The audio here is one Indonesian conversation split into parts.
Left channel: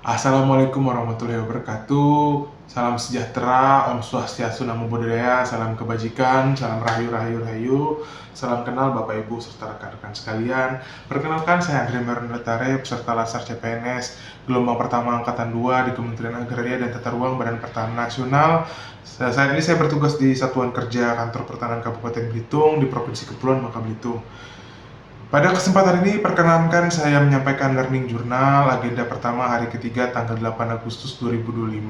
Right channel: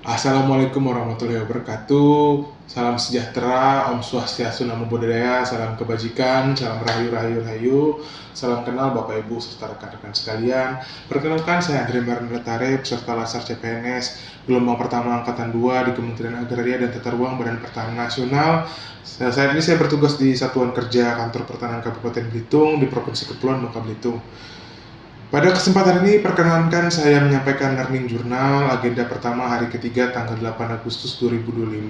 Assalamualaikum warahmatullahi wabarakatuh. Salam sejahtera, Om Swastiastu, Namo Buddhaya, salam kebajikan, salam rahayu rahayu rahayu, salam kenal Bapak Ibu serta rekan-rekan sekalian. Perkenalkan, saya Andre Marnatare, peserta Latsar CPNS gelombang pertama angkatan 2 di Kementerian Agraria dan Tata Ruang Badan Pertanahan Nasional. Saat ini saya bertugas di Satuan Kerja Kantor Pertanahan Kabupaten Belitung di Provinsi Kepulauan Bangka Belitung. Pada kesempatan ini, perkenankan saya menyampaikan learning journal agenda pertama hari ketiga tanggal 8 Agustus 2025.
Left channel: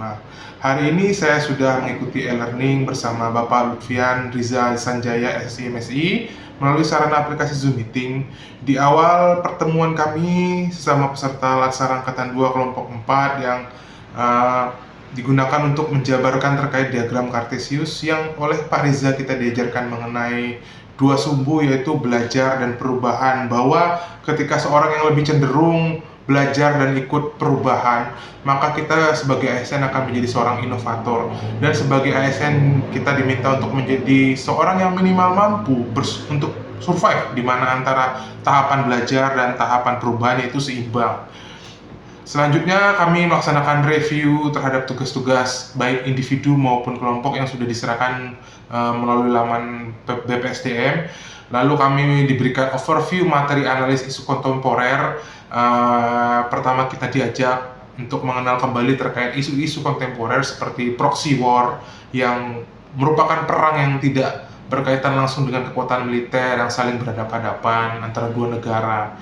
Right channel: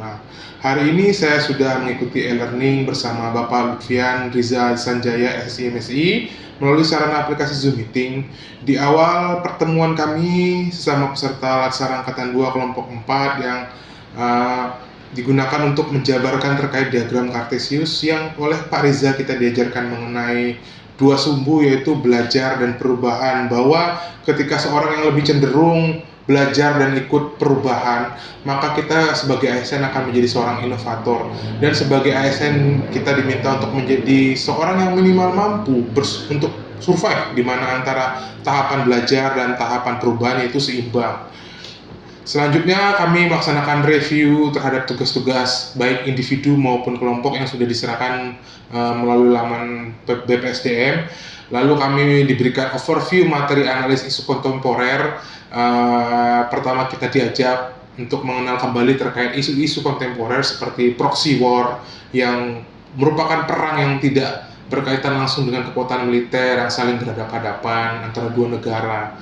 Hari ini saya sudah mengikuti e-learning bersama Bapak Lutfian Riza Sanjaya SSI MSI melalui sarana aplikasi Zoom Meeting. Di awal pertemuan kami sesama peserta Latsar Angkatan 2 kelompok 4 yang digunakan untuk menjabarkan terkait diagram Kartesius yang oleh Pak Riza kita diajarkan mengenai dua sumbu, yaitu belajar dan perubahan, bahwa ketika seorang yang lebih cenderung belajar dan ikut perubahan, maka kita sebagai ASN akan menjadi seorang inovator, dan sebagai ASN kita diminta untuk menjadi seorang yang minimal mampu untuk survive, di mana antara tahapan belajar dan tahapan perubahan itu seimbang. Selanjutnya kami melaksanakan review terhadap tugas-tugas baik individu maupun kelompok yang sudah diserahkan melalui laman BPSDM. Lalu kami diberikan overview materi analis isu kontemporer. Pertama kita diajak untuk mengenal kembali terkait isu-isu kontemporer seperti proxy war, yang merupakan perang yang tidak berkaitan langsung dengan kekuatan militer yang saling berhadapan-hadapan antara dua negara.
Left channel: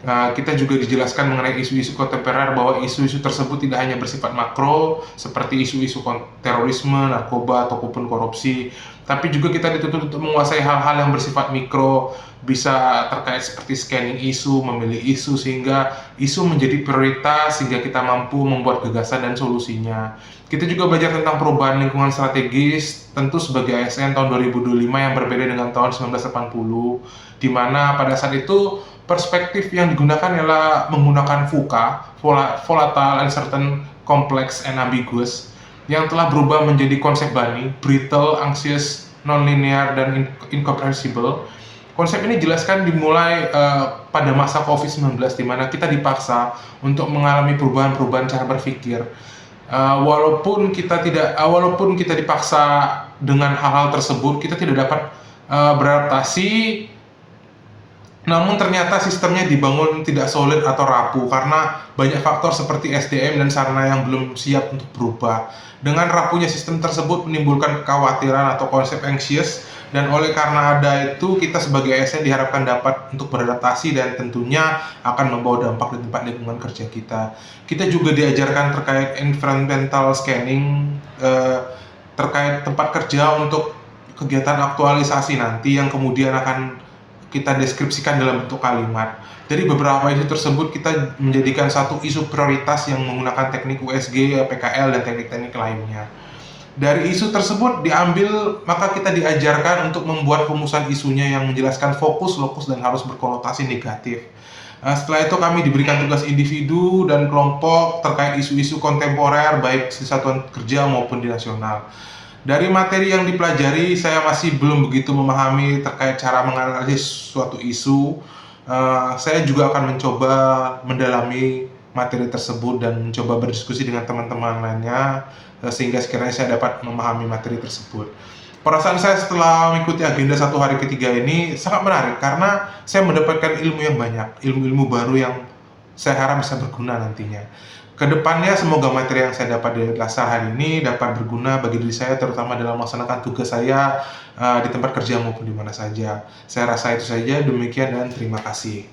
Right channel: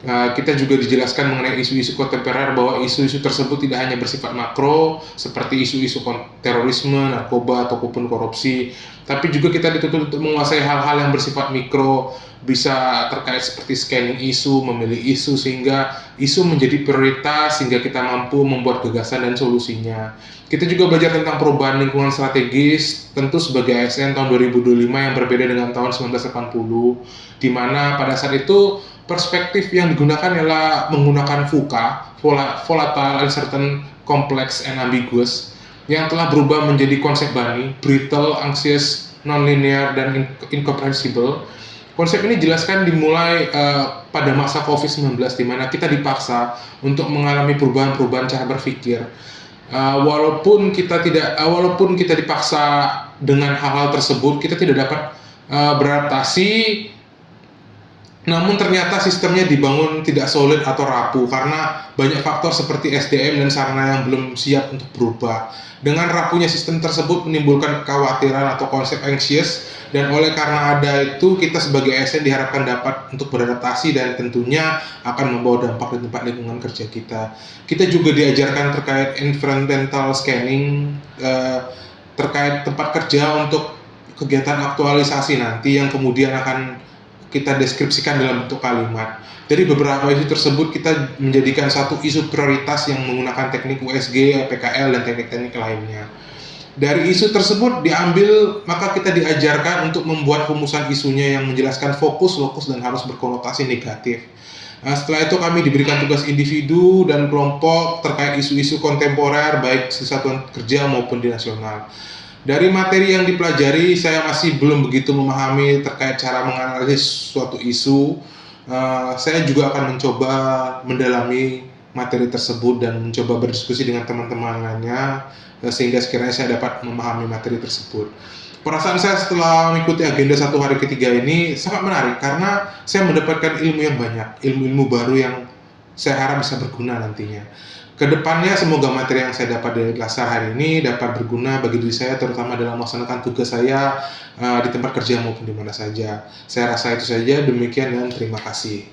Kita juga dijelaskan mengenai isu-isu kontemporer, bahwa isu-isu tersebut tidak hanya bersifat makro seperti isu-isu terorisme, narkoba, ataupun korupsi, tapi juga kita dituntut untuk menguasai hal-hal yang bersifat mikro, bisa terkait seperti scanning isu, memilih isu, sehingga isu menjadi prioritas, sehingga kita mampu membuat gagasan dan solusinya. Kita juga belajar tentang perubahan lingkungan strategis, tentu sebagai ASN tahun 2025 yang berbeda dengan tahun 1980, di mana pada saat itu perspektif yang digunakan adalah menggunakan VUCA, Volatile, Uncertain, Complex, and Ambiguous, yang telah berubah menjadi konsep BANI, Brittle, Anxious, Non-Linear, dan Incomprehensible. Konsep ini dijelaskan dimulai pada masa COVID-19, di mana kita dipaksa untuk mengalami perubahan-perubahan cara berpikir. Walaupun kita dipaksa dengan hal-hal tersebut, kita tidak dapat beradaptasi. Namun ternyata sistemnya dibangun tidak solid atau rapuh karena banyak faktor seperti SDM dan sarana yang belum siap untuk berubah. Dengan rapuhnya sistem tersebut menimbulkan kekhawatiran atau konsep anxious, dan oleh karena ada itu kita sebagai ASN diharapkan dapat untuk beradaptasi dan tentunya akan membawa dampak di tempat lingkungan kerja kita. Kita juga diajarkan terkait environmental scanning terkait tempat kerja untuk kegiatan aktualisasi nanti yang kemudian akan kita deskripsikan dalam bentuk kalimat. Dari beberapa isu tersebut kita menjadikan satu isu prioritas yang menggunakan teknik USG, PKL, dan teknik-teknik lainnya. Dari isu tersebut diambil, maka kita diajarkan untuk membuat rumusan isunya yang menjelaskan fokus, lokus, dan harus berkonotasi negatif. Setelah itu kami diberikan tugas individu dan kelompok terkait isu-isu kontemporer baik di satuan kerja maupun di nasional. Dari materi yang dipelajari, saya masih belum begitu memahami terkait cara menganalisis suatu isu. Saya juga akan mencoba mendalami materi tersebut dan mencoba berdiskusi dengan teman-teman lainnya, sehingga sekiranya saya dapat memahami materi tersebut. Perasaan saya setelah mengikuti agenda satu hari ketiga ini sangat menarik, karena saya mendapatkan ilmu yang banyak, ilmu-ilmu baru yang saya harap bisa berguna nantinya. Kedepannya semoga materi yang saya dapat di Latsar hari ini dapat berguna bagi diri saya, terutama dalam melaksanakan tugas saya di tempat kerja maupun di mana saja. Saya rasa itu saja, demikian dan terima kasih.